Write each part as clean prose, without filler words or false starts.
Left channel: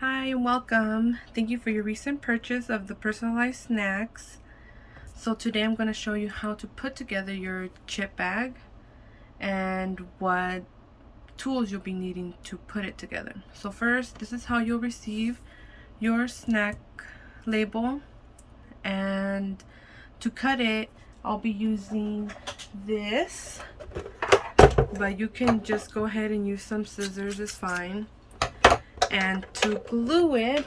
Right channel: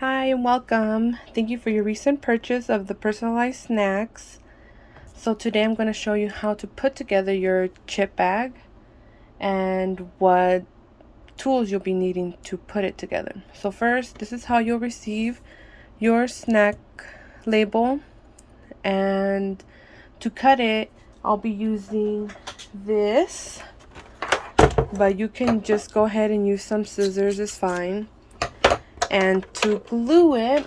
Hi and welcome. Thank you for your recent purchase of the personalized snacks. So today I'm going to show you how to put together your chip bag and what tools you'll be needing to put it together. So first, this is how you'll receive your snack label, and to cut it, I'll be using this, but you can just go ahead and use some scissors, it's fine. And to glue it,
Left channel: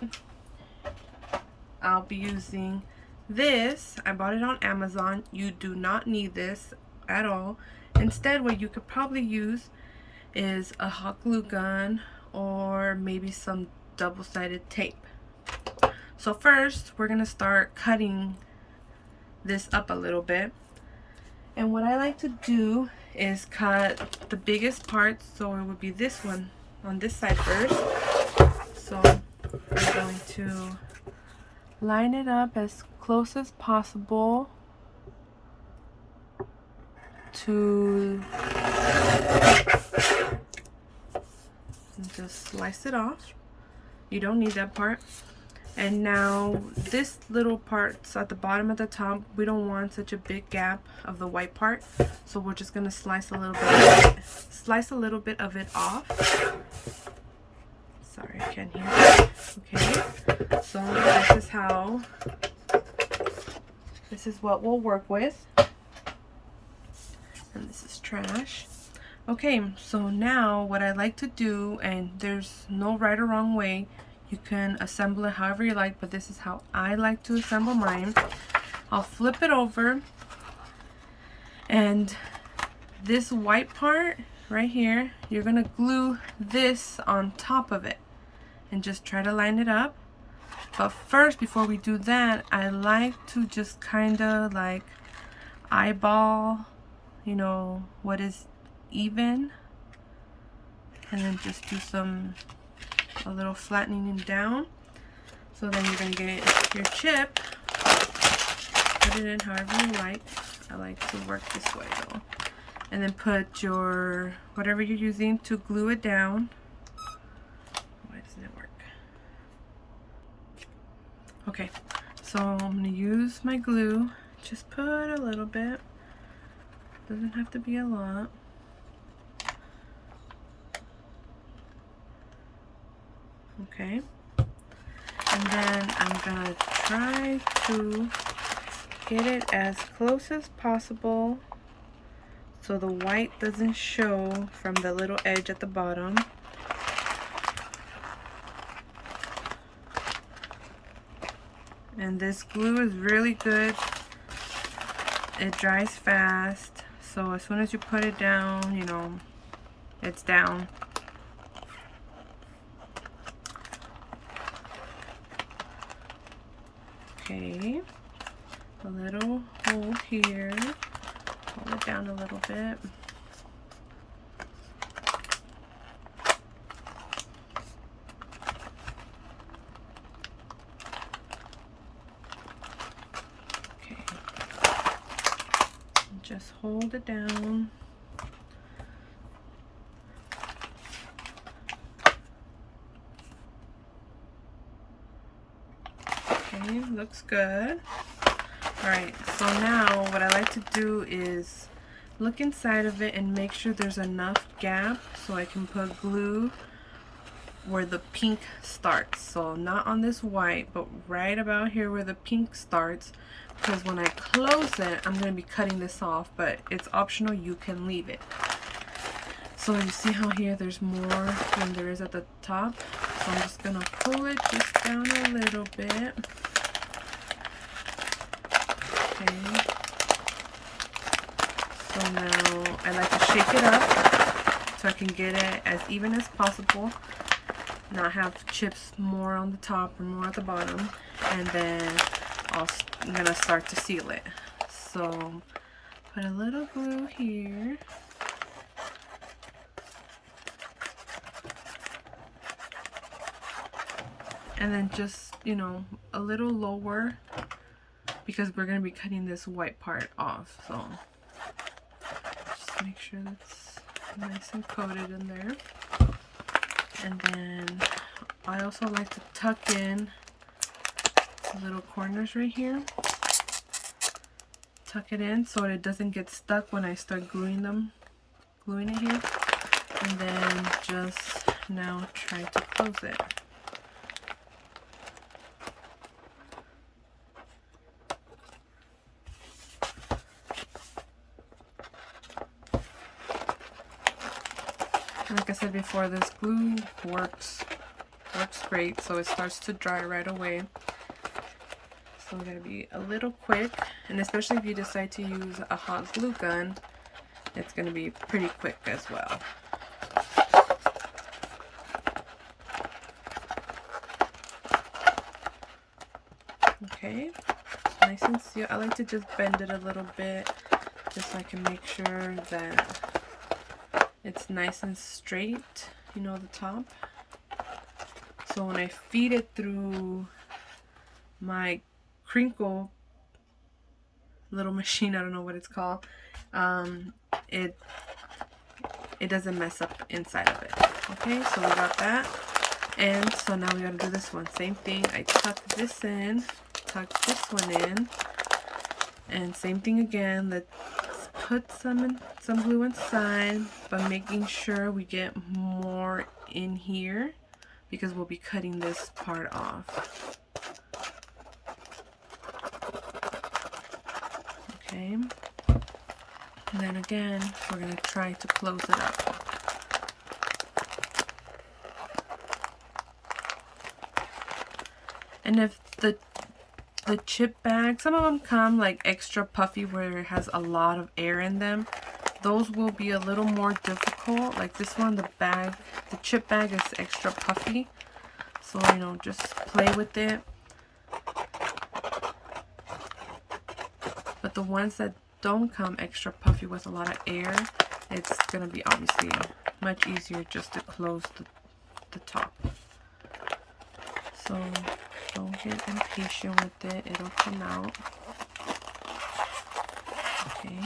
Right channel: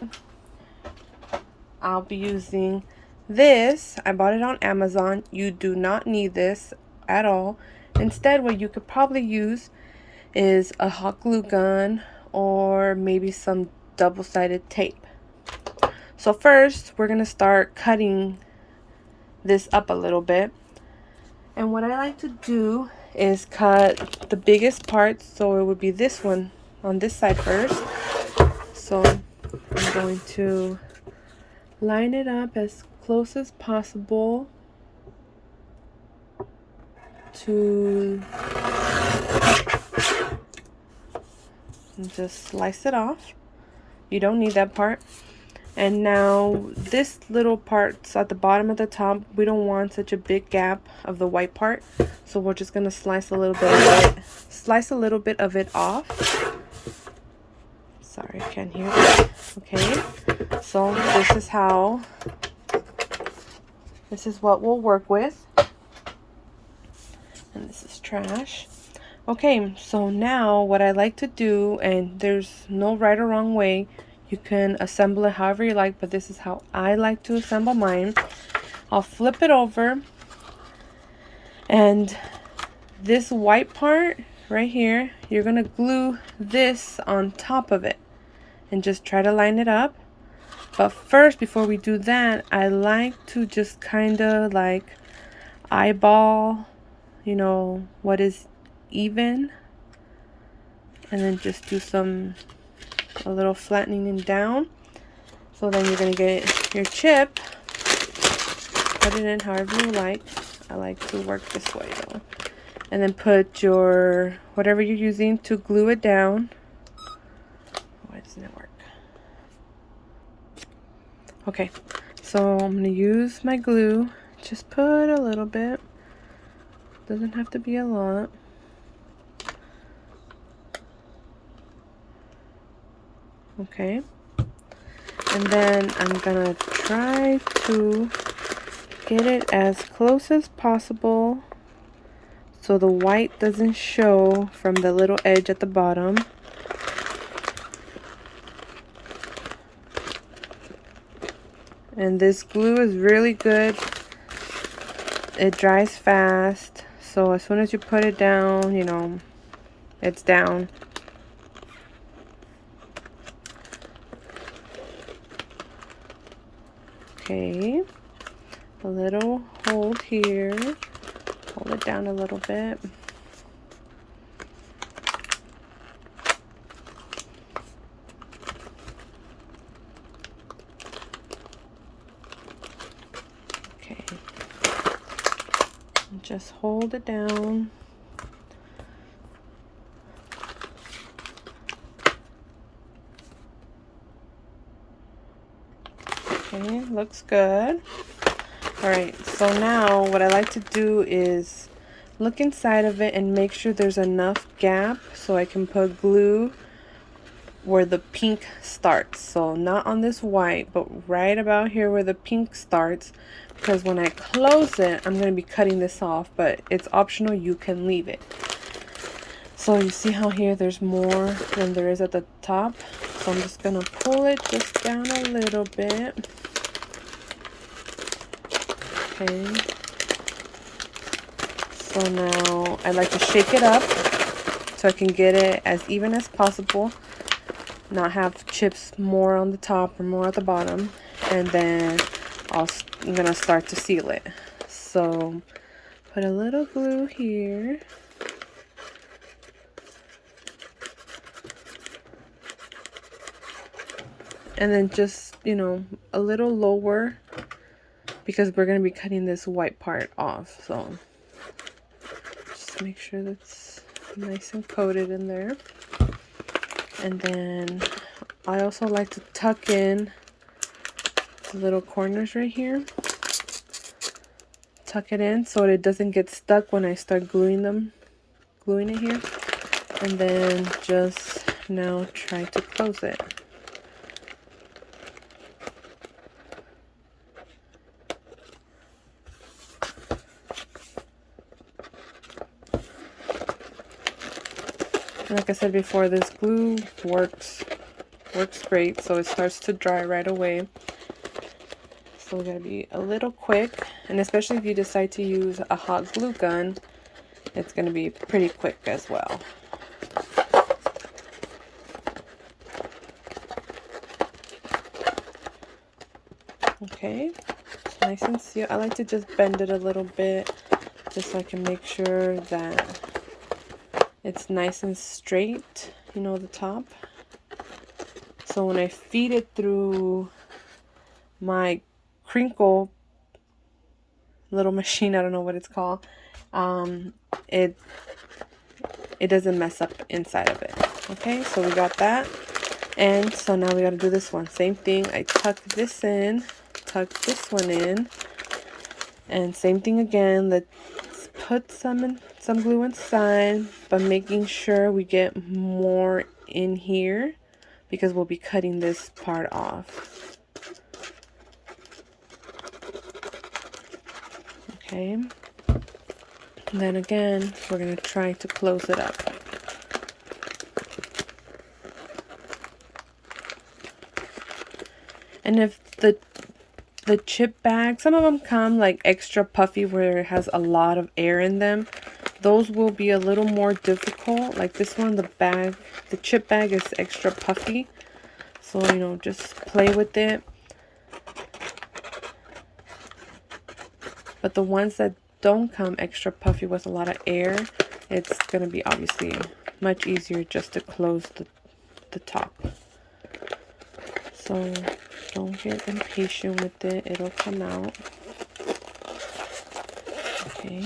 I'll be using this. I bought it on Amazon. You do not need this at all. Instead, what you could probably use is a hot glue gun or maybe some double-sided tape. So first, we're going to start cutting this up a little bit. And what I like to do is cut the biggest parts, so it would be this one on this side first. So I'm going to line it up as close as possible to and just slice it off. You don't need that part. And now this little part's at the bottom at the top. We don't want such a big gap of the white part, so we're just gonna slice a little bit of it off. Sorry, I can't hear that. Okay, so this is what we'll work with. And this is trash. Okay, so now what I like to do, and there's no right or wrong way, you can assemble it however you like, but this is how I like to assemble mine. I'll flip it over, and this white part right here, you're gonna glue this on top of it and just try to line it up. But first, before we do that, I like to just kind of like eyeball, you know, what is even, and then just do a little flattening down. So then you're gonna get your chip, put it in however you like. I like to work this way though. And then put your whatever you're using to glue it down. Why doesn't it work? Okay, so I'm gonna use my glue. Just put a little bit. Doesn't have to be a lot. Okay, and then I'm gonna try to get it as close as possible so the white doesn't show from the little edge at the bottom. And this glue is really good. It dries fast, so as soon as you put it down, you know, it's down. Okay, a little hold here, hold it down a little bit. Okay, just hold it down. Okay, looks good. Alright, so now what I like to do is look inside of it and make sure there's enough gap so I can put glue where the pink starts. So not on this white, but right about here where the pink starts, because when I close it, I'm going to be cutting this off, but it's optional, you can leave it. So you see how here there's more than there is at the top? So I'm just going to pull it just down a little bit. Okay. So now I like to shake it up so I can get it as even as possible. Not have chips more on the top or more at the bottom. And then I'm going to start to seal it. So put a little glue here. And then just, you know, a little lower, because we're going to be cutting this white part off. So just make sure that's nice and coated in there. And then I also like to tuck in the little corners right here. Tuck it in so it doesn't get stuck when I start gluing it here. And then just now try to close it. Like I said before, this glue works great, so it starts to dry right away. So we're gonna be a little quick, and especially if you decide to use a hot glue gun, it's gonna be pretty quick as well. Okay, it's nice and sealed. I like to just bend it a little bit, just so I can make sure that it's nice and straight, you know, the top. So when I feed it through my crinkle little machine, I don't know what it's called, it doesn't mess up inside of it. Okay, so we got that. And so now we gotta do this one. Same thing, I tuck this in, tuck this one in, and same thing again. Let's put some glue inside, but making sure we get more in here because we'll be cutting this part off. Okay, and then again we're gonna try to close it up. And if the chip bag, some of them come like extra puffy where it has a lot of air in them. Those will be a little more difficult. Like this one, the chip bag is extra puffy. So, you know, just play with it. But the ones that don't come extra puffy with a lot of air, it's gonna be obviously much easier just to close the top. So don't get impatient with it, it'll come out. Okay.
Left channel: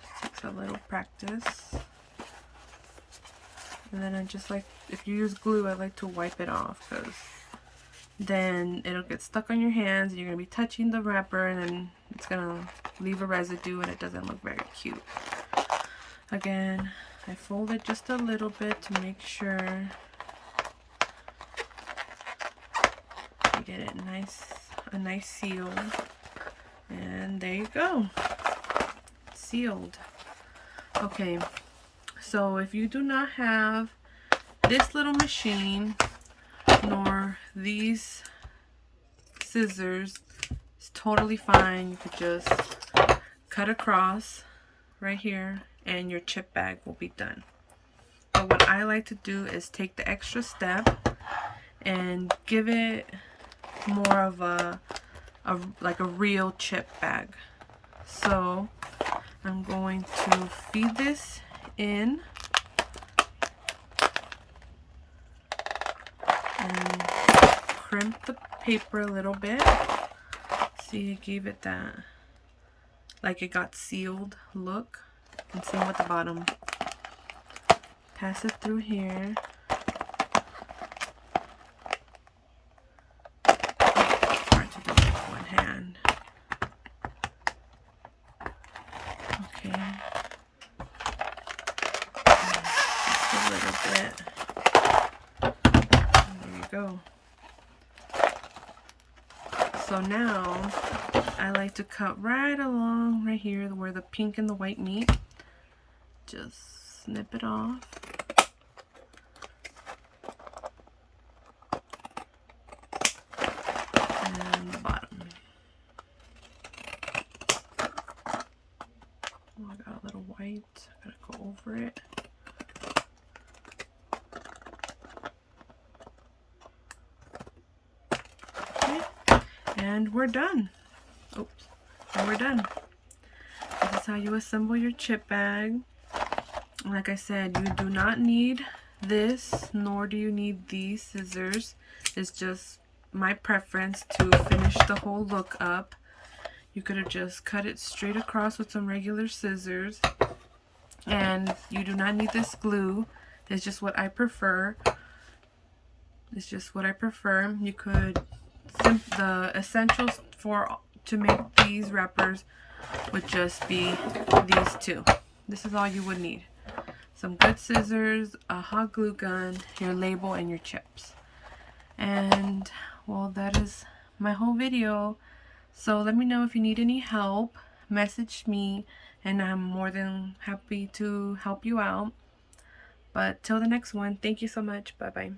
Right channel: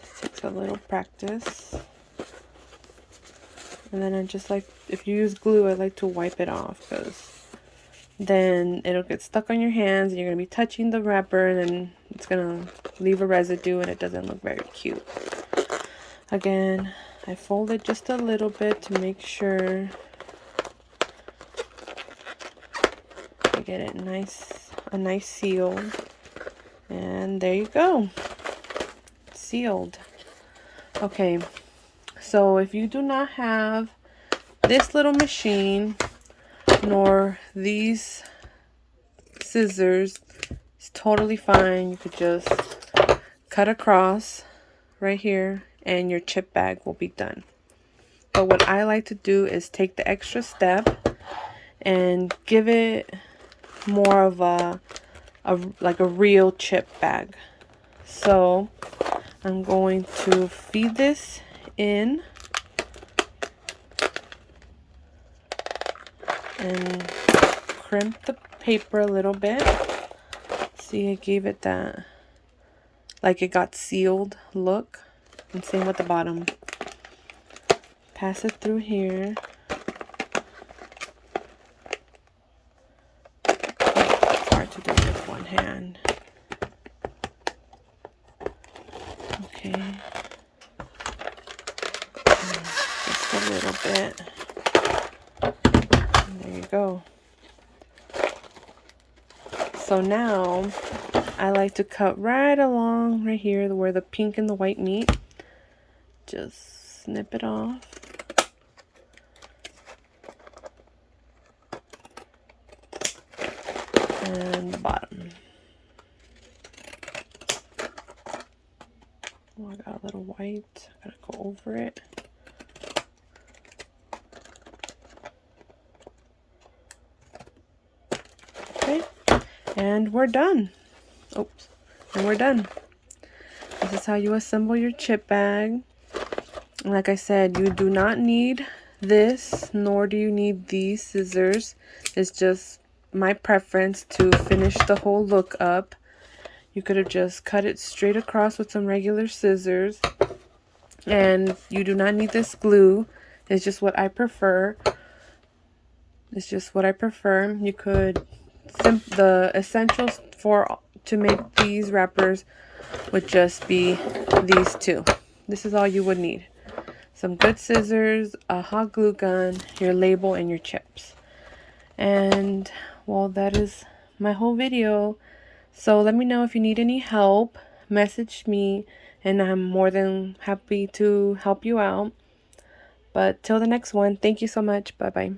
Just takes a little practice. And then I just like, if you use glue, I like to wipe it off because then it'll get stuck on your hands and you're going to be touching the wrapper and then it's going to leave a residue and it doesn't look very cute. Again, I fold it just a little bit to make sure I get it a nice seal. And there you go. Sealed. Okay. So if you do not have this little machine nor these scissors, it's totally fine. You could just cut across right here and your chip bag will be done. But what I like to do is take the extra step and give it more of like a real chip bag. So I'm going to feed this in and crimp the paper a little bit. See, I gave it that, like it got sealed look. And same with the bottom. Pass it through here. It's hard to do with one hand. Okay. Just a little bit. There we go. So now I like to cut right along right here where the pink and the white meet. Just snip it off. And the bottom. Oh, I got a little white. I'm gonna go over it. Okay, and we're done. Oops, and we're done. This is how you assemble your chip bag. Like I said, you do not need this, nor do you need these scissors. It's just my preference to finish the whole look up. You could have just cut it straight across with some regular scissors. And you do not need this glue. It's just what I prefer. It's just what I prefer. You could, the essentials to make these wrappers would just be these two. This is all you would need. Some good scissors, a hot glue gun, your label, and your chips. And well, that is my whole video. So let me know if you need any help. Message me and I'm more than happy to help you out. But till the next one, thank you so much. Bye bye.